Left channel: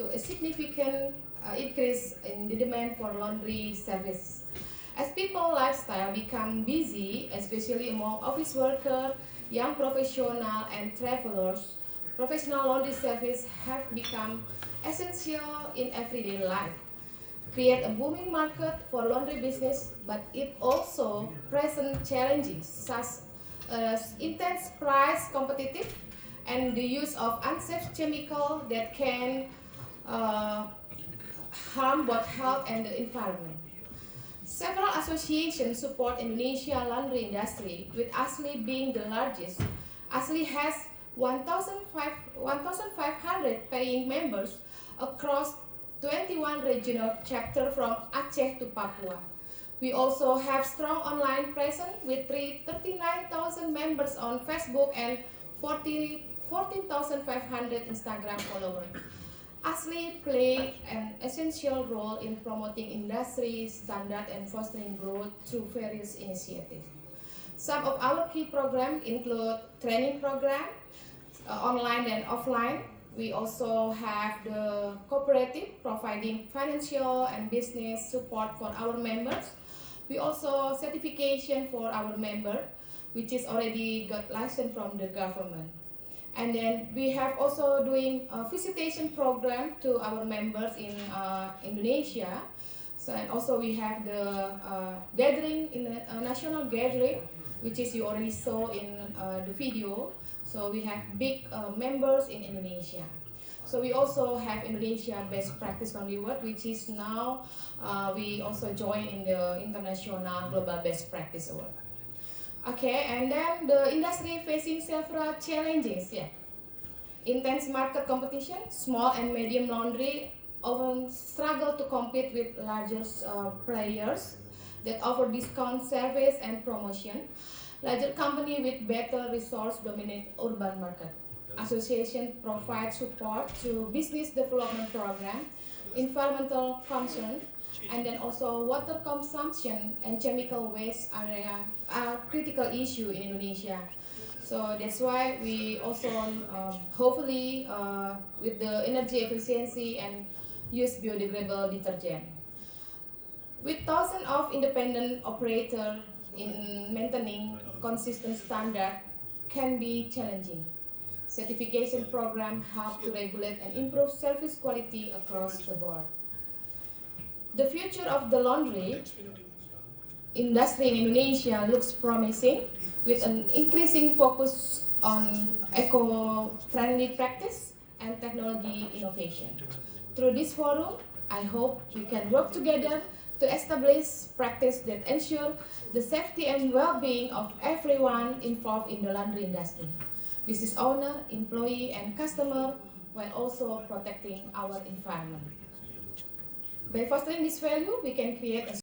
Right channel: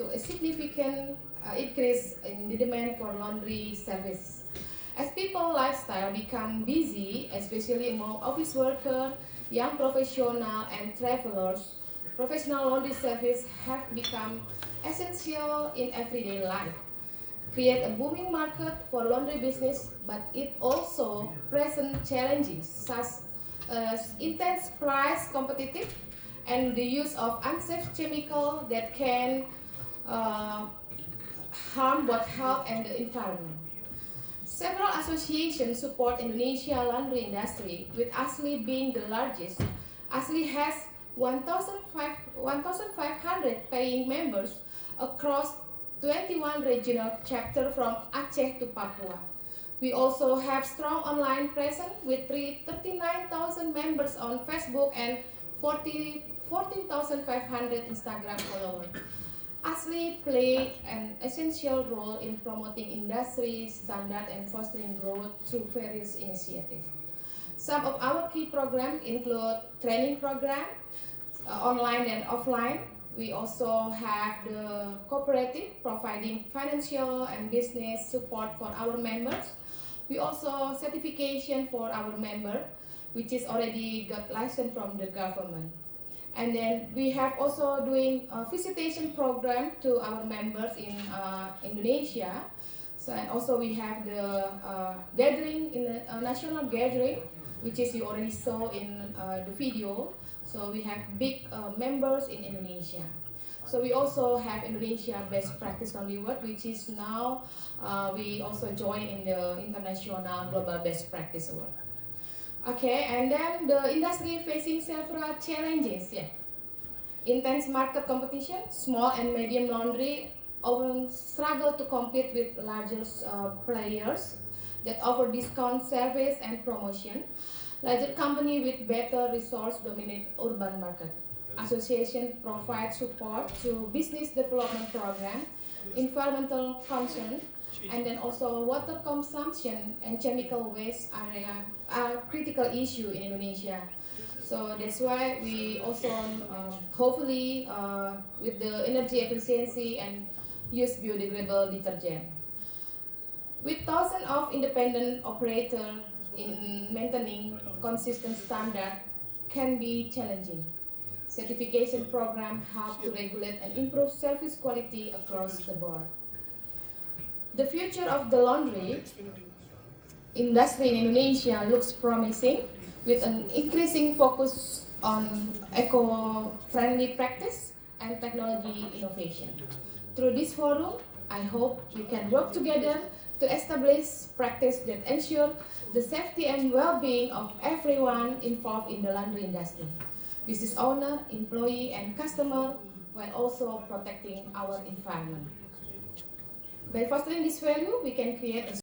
to a significant increase in the demand for laundry service. As people's lifestyle become busy, especially among office workers, young professionals, and travelers, professional laundry service have become essential in everyday life. Create a booming market for laundry business, but it also presents challenges such as intense price competitive and the use of unsafe chemicals that can harm both health and the environment. Several associations support Indonesia laundry industry, with ASLI being the largest. ASLI has 1,500 paying members across 21 regional chapters from Aceh to Papua. We also have strong online presence with 39,000 members on Facebook and 14,500 Instagram followers. ASLI play an essential role in promoting industry standard and fostering growth through various initiatives. Some of our key programs include training program, online and offline. We also have the cooperative providing financial and business support for our members. We also certification for our member, which is already got license from the government. And then we have also doing a visitation program to our members in Indonesia. So, and also we have the gathering in the national gathering, which is you already saw in the video. So we have big members in Indonesia. So we also have Indonesia Best Practice Laundry Award, which is now we also join in the International Global Best Practice Award. Okay, and then the industry facing several challenges. Yeah, intense market competition. Small and medium laundry often struggle to compete with larger players that offer discount service and promotion. Larger company with better resource dominate urban market. Association provide support to business development program, environmental concern, and then also water consumption and chemical waste area are critical issue in Indonesia. So that's why we also hopefully with the energy efficiency and use biodegradable detergent. With thousands of independent operators in maintaining consistent standard can be challenging. Certification program help to regulate and improve service quality across the board. The future of the laundry industry in Indonesia looks promising, with an increasing focus on eco-friendly practice and technology innovation. Through this forum, I hope we can work together to establish practice that ensure the safety and well-being of everyone involved in the laundry industry, business owner, employee, and customer, while also protecting our environment. By fostering this value, we can create a